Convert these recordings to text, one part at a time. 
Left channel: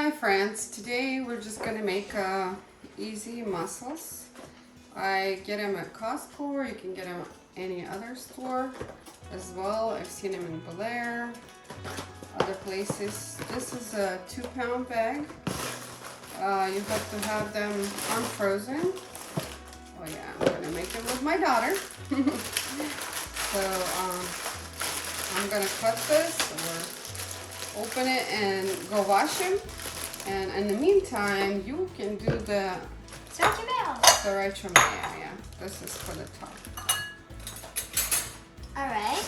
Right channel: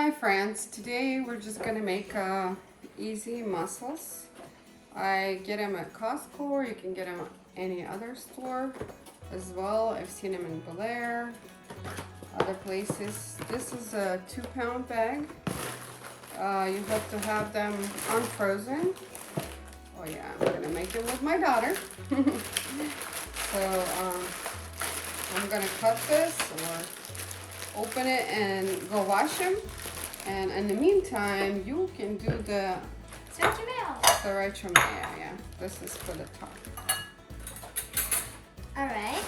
Hi friends, today we're just gonna make easy mussels. I get them at Costco, or you can get them at any other store as well. I've seen them in Bel Air, other places. This is a 2-pound bag. You have to have them unfrozen. Oh yeah, I'm gonna make them with my daughter. So I'm gonna cut this or open it and go wash them. And in the meantime, you can do the sriracha mayo. Yeah, this is for the top. Alright,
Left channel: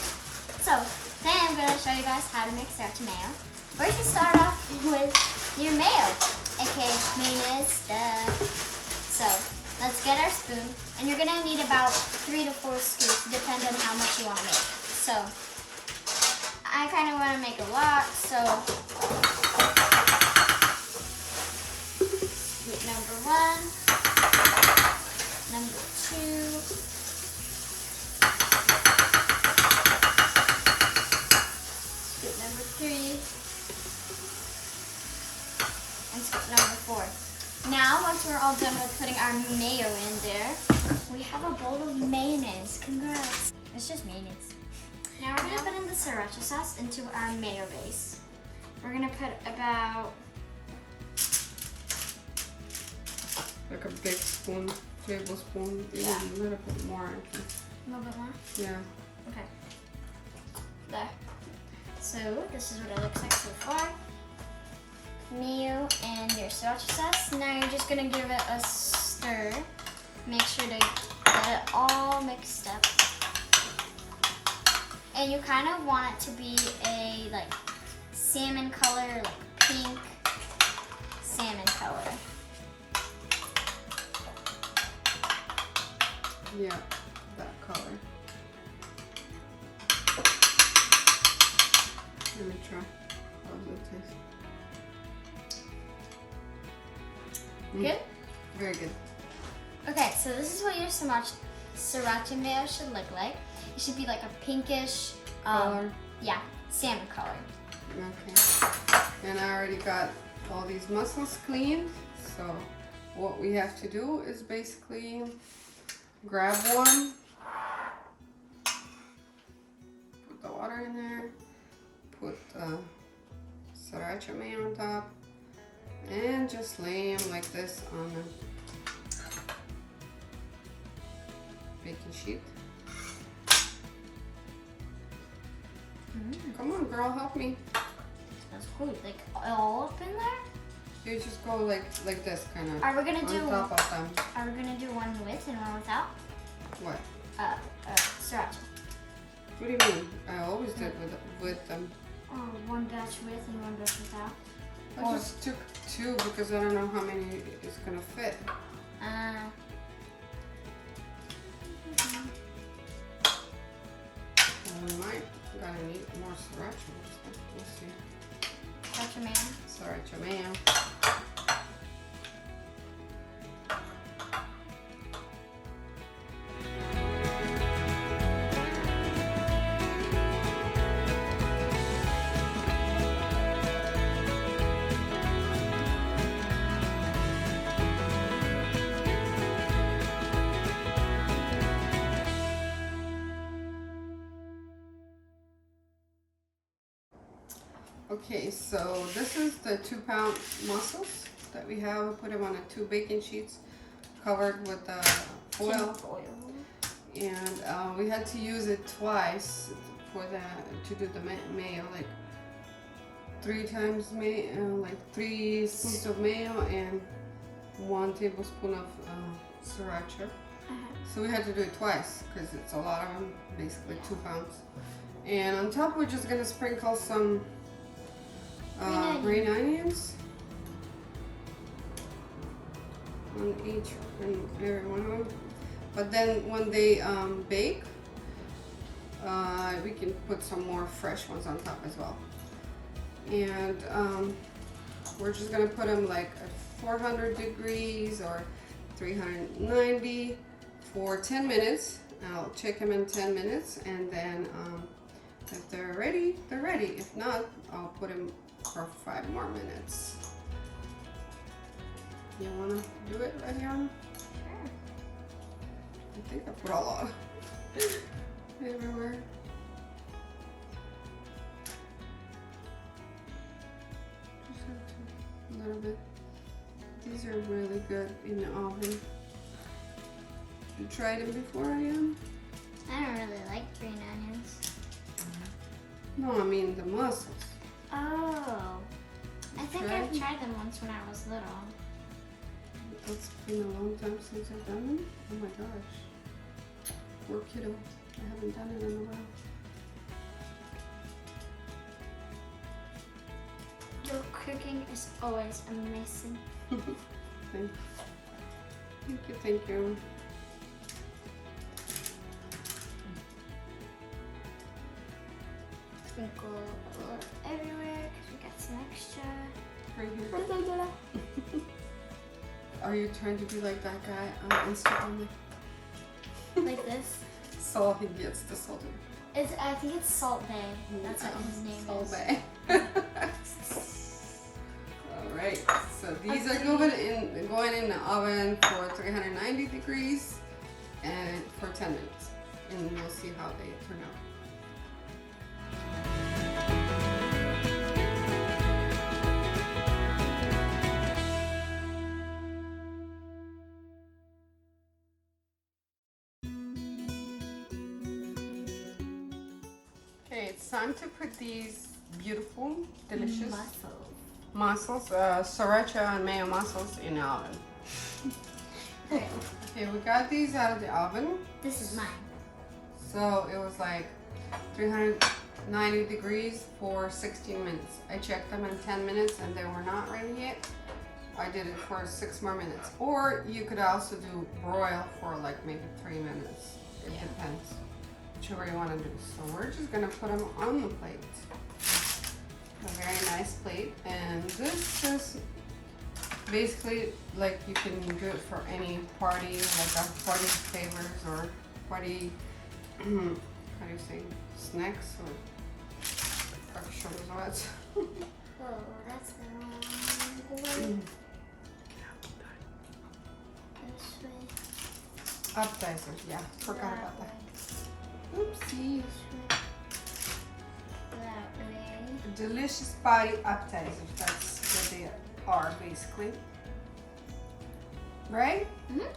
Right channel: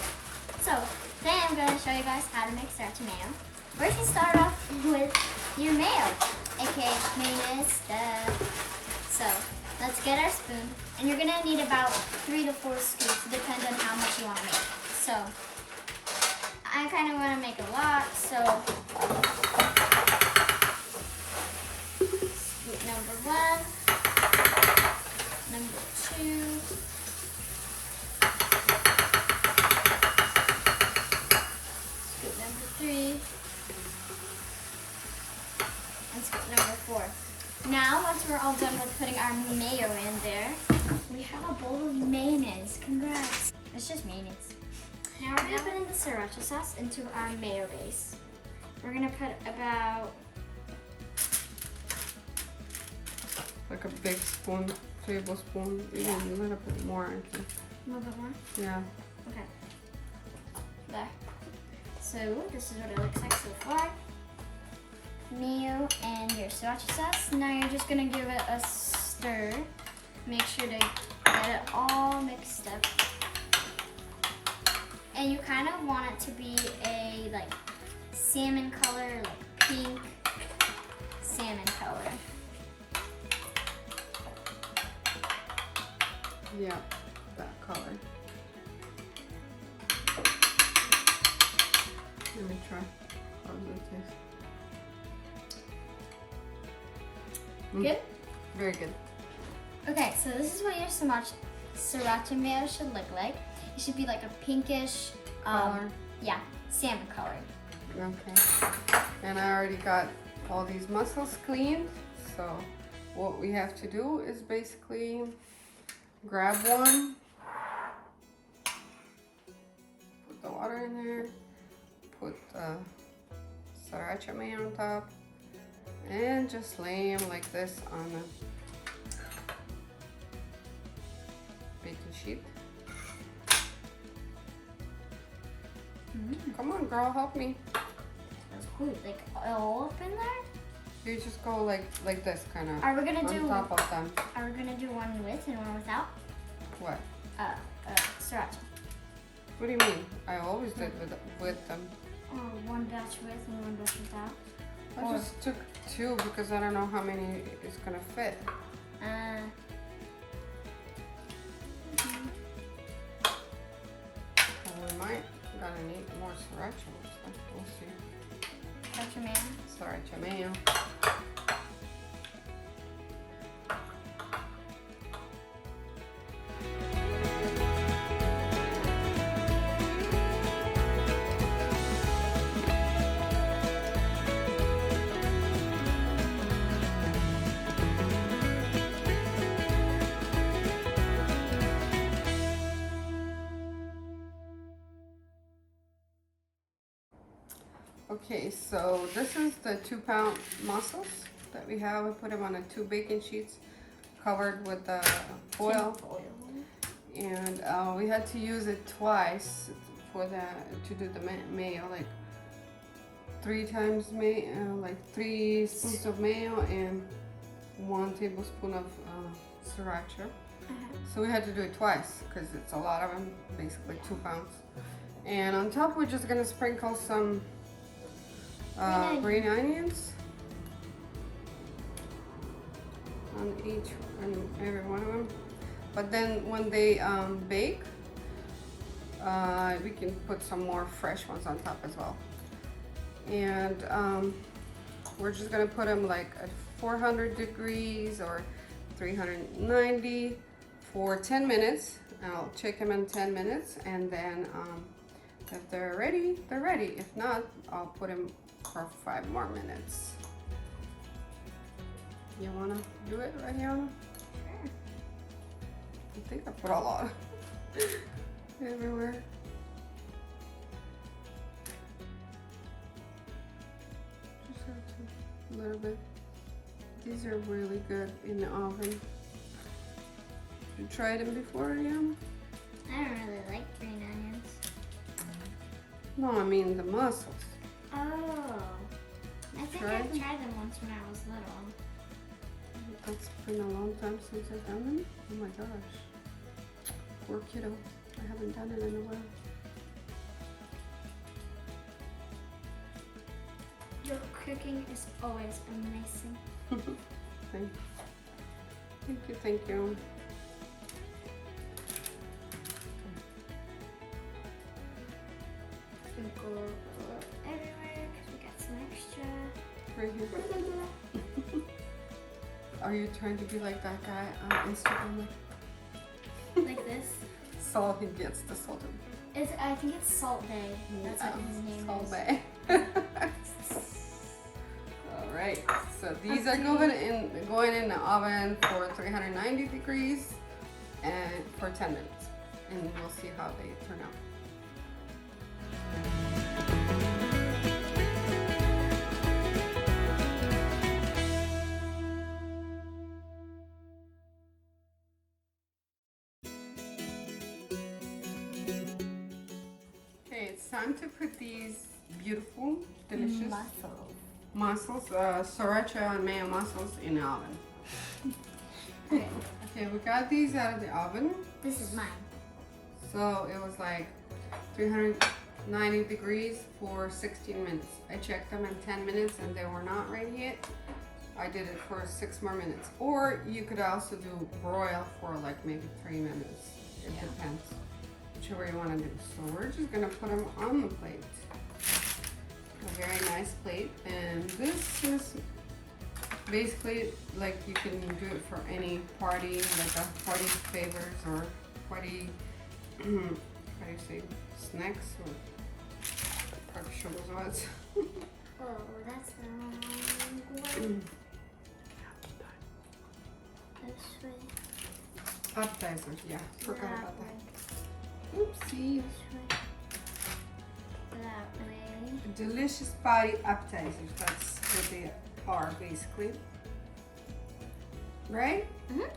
so today I'm going to show you guys how to make sriracha mayo. First, you start off with your mayo, aka mayonnaise. So let's get our spoon, and you're going to need about 3 to 4 scoops, depending on how much you want to make. So I kind of want to make a lot, so scoop number 1, number 2, scoop number 3, and scoop number 4. Now, once we're all done with putting our mayo in there, we have a bowl of mayonnaise. Congrats. It's just mayonnaise. Now we're going to put in the sriracha sauce into our mayo base. We're going to put about... Like a big spoon, tablespoon. Yeah. Even a little bit more, I think. A little bit more? Yeah. Okay. There. So this is what it looks like so far. Mayo and your sriracha sauce. Now you're just gonna give it a stir. Make sure to get it all mixed up. And you kind of want it to be a like salmon color, like pink salmon color. Yeah, that color. Let me try. How does it taste? Good? Very good. Okay, so this is what your sriracha mayo should look like. It should be like a pinkish, Color. Yeah, salmon color. Okay. And I already got all these mussels cleaned. So what we have to do is basically grab one, put the water in there, put the sriracha mayo on top, and just lay them like this on the baking sheet. Come on, girl, help me. That's cool. Like all up in there? You just go like this, kind of. Are we gonna on do? top of them? Are we gonna do one with and one without? What? Sriracha. What do you mean? I always did with them. Oh, one batch with and one batch without. I just took 2 because I don't know how many it's gonna fit. We might gonna need more sriracha. We'll see. Sriracha mayo. Sriracha mayo. Okay, so this is the 2-pound mussels that we have. I put them on 2 baking sheets covered with foil. And we had to use it twice for to do the mayo, like 3 times mayo, like 3 spoons of mayo and 1 tablespoon of sriracha. So we had to do it twice because it's a lot of them, basically 2 pounds. And on top we're just gonna sprinkle some green onions on every one of them. But then when they bake, we can put some more fresh ones on top as well. And we're just gonna put them like at 400 degrees or 390 for 10 minutes. I'll check them in 10 minutes, and then if they're ready, they're ready. If not, I'll put them for 5 more minutes. You wanna do it, Ariana? Sure. I think I put a lot everywhere. Just have to, a little bit. These are really good in the oven. You tried them before, Ariana? I don't really like green onions. No, I mean the mussels. Oh. I think Tried? I've tried them once when I was little. It's been a long time since I've done them. Oh my gosh. Poor kiddo. I haven't done it in a while. Your cooking is always amazing. Thank you. Thank you. Sprinkle a little everywhere because we got some extra. Right here. Are you trying to be like that guy on Instagram? Like this. So he gets the salt. I think it's Salt Bay. That's what his name Salt is. Bay. All right. So these are going in the oven for 390 degrees and for 10 minutes, and we'll see how they turn out. Okay, it's time to put these beautiful, delicious mussels, sriracha and mayo mussels in the oven. Okay, we got these out of the oven. This is mine. So it was like 390 degrees for 16 minutes. I checked them in 10 minutes and they were not ready yet. I did it for 6 more minutes. Or you could also do broil for like maybe 3 minutes. It depends. Whichever you want to do. So we're just gonna put them on the plate. A very nice plate. And this is basically like you can do it for any party, like a party favors or party, how do you say, snacks or what? Whoa, that's the wrong way. This way. Appetizers, yeah, forgot about that. Oopsie. That way. Delicious party appetizers, that's what they are basically. Right? Mm-hmm.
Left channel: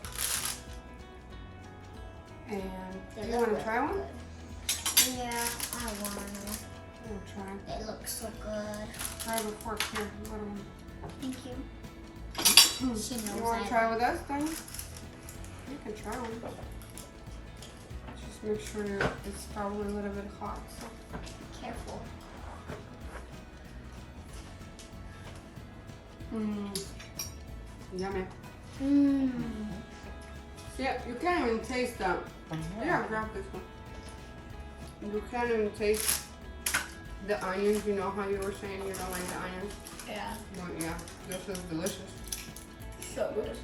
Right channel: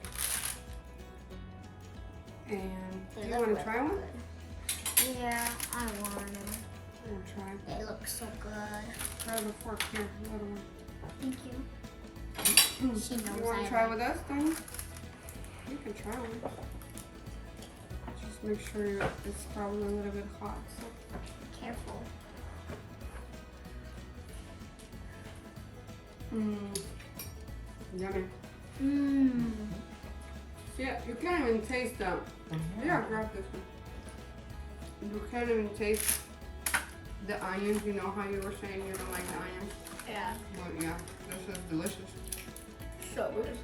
And They you look want to try really one? good. Yeah, I want to. I'm gonna try. It looks so good. Try the fork here. Little one. Thank you. She knows You want I to try like with us then? You can try one. Just make sure it's probably a little bit hot. So. Careful. Yummy. Mmm. Yeah, you can't even taste that. Yeah, grab this one. You can't even taste the onions. You know how you were saying you don't like the onions? Yeah. But yeah, this is delicious. So good.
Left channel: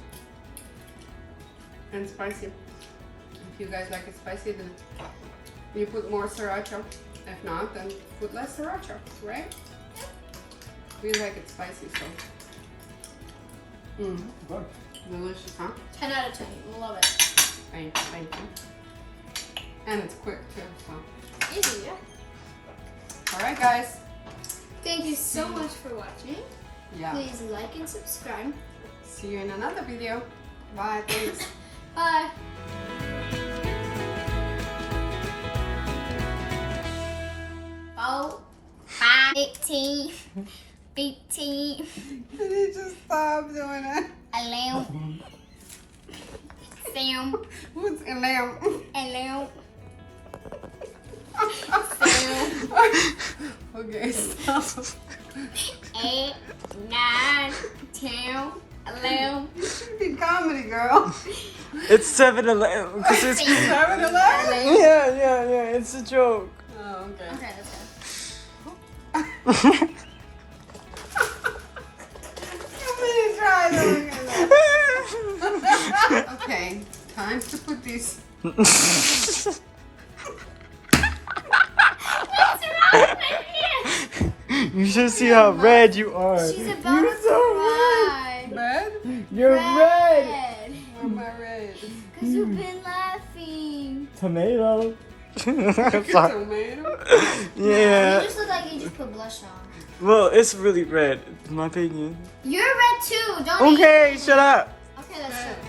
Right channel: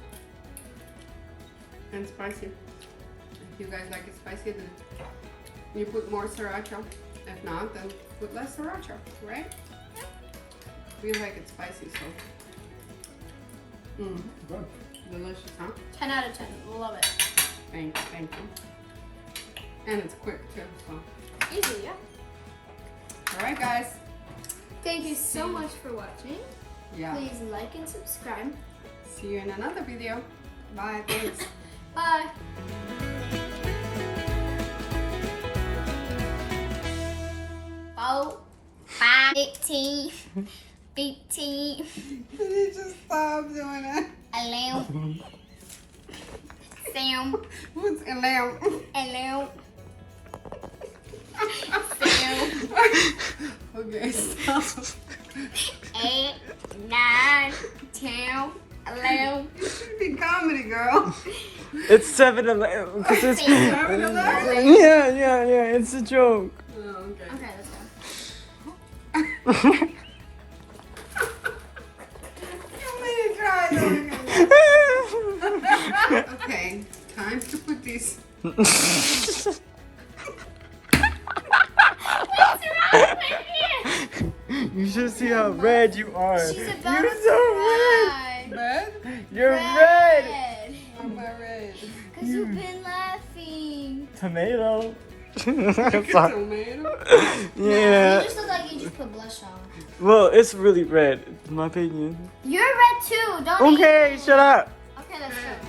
And spicy. If you guys like it spicy, then you put more sriracha. If not, then put less sriracha, right? Yeah. We like it spicy, so. Good. Delicious, huh? 10 out of 10. Love it. Thank you, thank you. And it's quick too, so. Easy, yeah. Alright guys. Thank you so much for watching. Yeah. Please like and subscribe. See you in another video. Bye, thanks. Bye. Oh, 5, 18, 15, Can you just stop doing that? 11, 7, What's a lamb? 11, 7, Okay, stop. 8, 9, 10, 11. This should be comedy, girl. It's 7-11 because it's 7-11? yeah, it's a joke. Oh, okay. Okay, let's go. Too many tries over here. Okay, time to put these. What's wrong with you? You should see how red you are. She's about You're to so cry. Bed? red. You're red. Why am I red? Because you've been laughing. Tomato. Tomato? You Yeah. just look like you just put blush on. Well, it's really red, in my opinion. You're red too. Don't Okay, eat. shut up. Okay, that's true.